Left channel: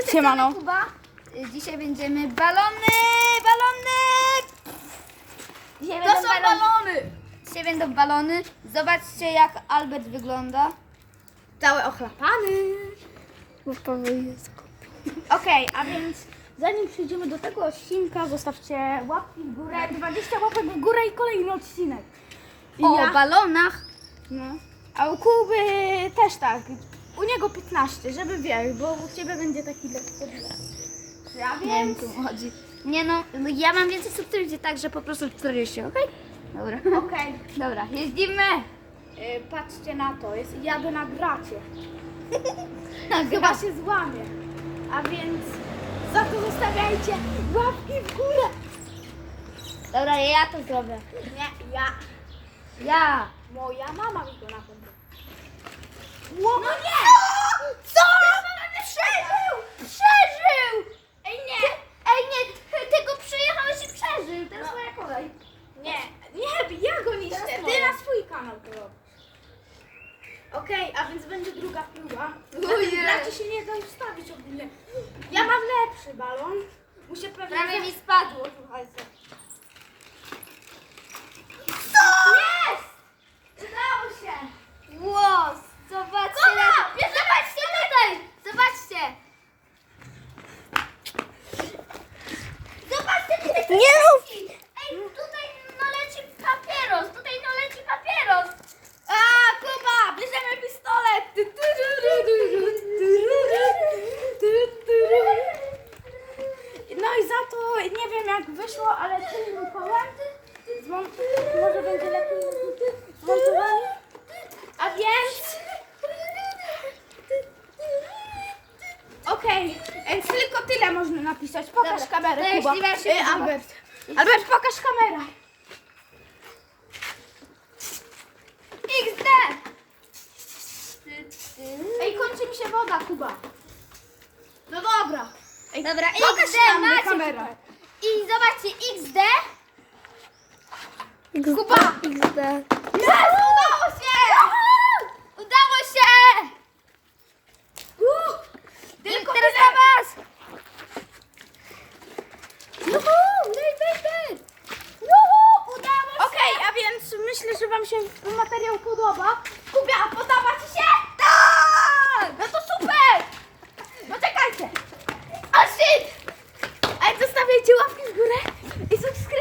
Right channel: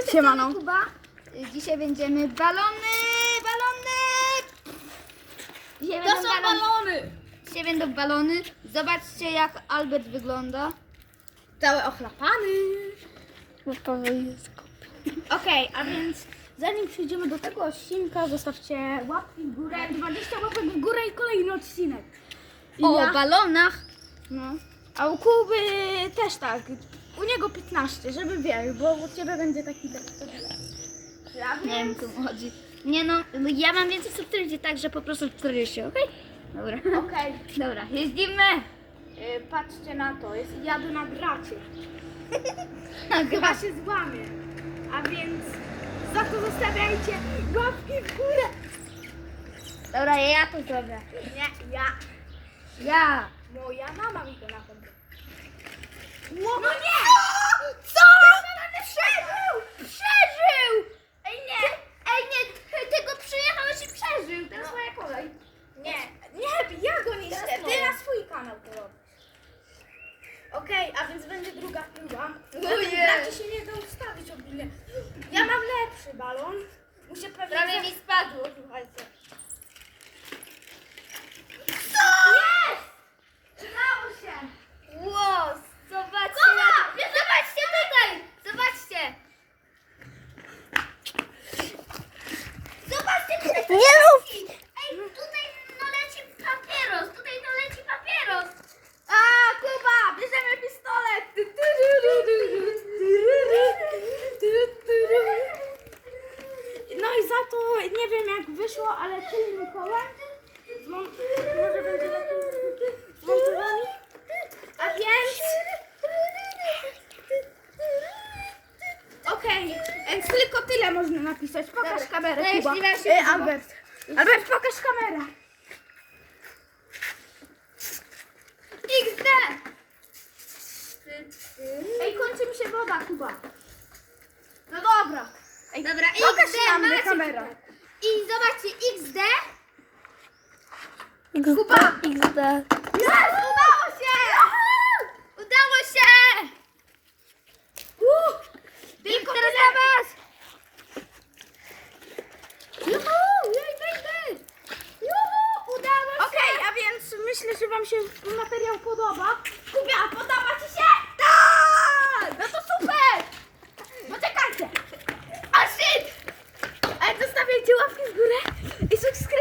Cześć, Siemano. Kuba. Dzisiaj będziemy balony, balony. Dzisiaj To będą są balony. balony! Dzisiaj będą balony. Zobaczcie jak Albert wygląda. Cały ochlapany. Okej, a więc zanim przejdziemy do tego odcinka, zostawcie łapki w górę, 20 łapek w górę i kolejny odcinek. I o ja? balonach. No. A u Kuby też tak. U niego 15, żeby wiesz, bo u ciebie będzie taki Ja Nie wiem, co mu chodzi. Nie no, ja mam więcej subskrypcji, także po prostu 40, okej? Dobra. Okej. Dobra, jeździmy. Y, Patrzcie na to, jest, jadę na gracie. Nagra. Chyba się złamie. A więc za to zostawiajcie łapki w górę. Dobra, ja to zrobię. Nie, ja. Ja. Moja mama mi to napędza. No nie! Co? Przeżył! Przeżył! Ej nie! Ej nie! Tego przejechałeś i przeżył! Teraz No. moja kolej. Nie, nie, ja go niszczę. Teraz Ty moja. na swój kanał to robisz. Okej, a więc będzie druga próba. Ojej. Gracie się nie da ustawić ogólnie. Ja mam lepszy balon. Muszę pewnie... Prawie mi spadło. Słuchajcie. Co? Jest! Udało się! Łos! Zobaczcie jak... Zobaczcie tutaj! Zobaczcie! Zobaczcie tutaj! Nie rób! Ej, tutaj no leci papieros! Tutaj no leci papieros! A, Kuba, bierzemy pistolet. No i za to nie wiem jak wyszło, ale tylnym kołem zmon- może będzie lepiej zmontowany. A więc... Okej, więc tylko tyle można napisać. Pokaż Dobra, kamerę, to Kuba. jeśli E. Albert. Albert, pokaż kamerę. XD! Ej, kończy mi się woda, Kuba. Dobra, Pokaż XD na macie. kamerę. I zobaczcie, XD. Kuba. XD. Yes! Udało się! Udało się! Tylko teraz na was! Juhu! Juhu! Udało się! Okej, a więc myślę, że Wam się materiał podoba. Kubia, podawać E subscreve.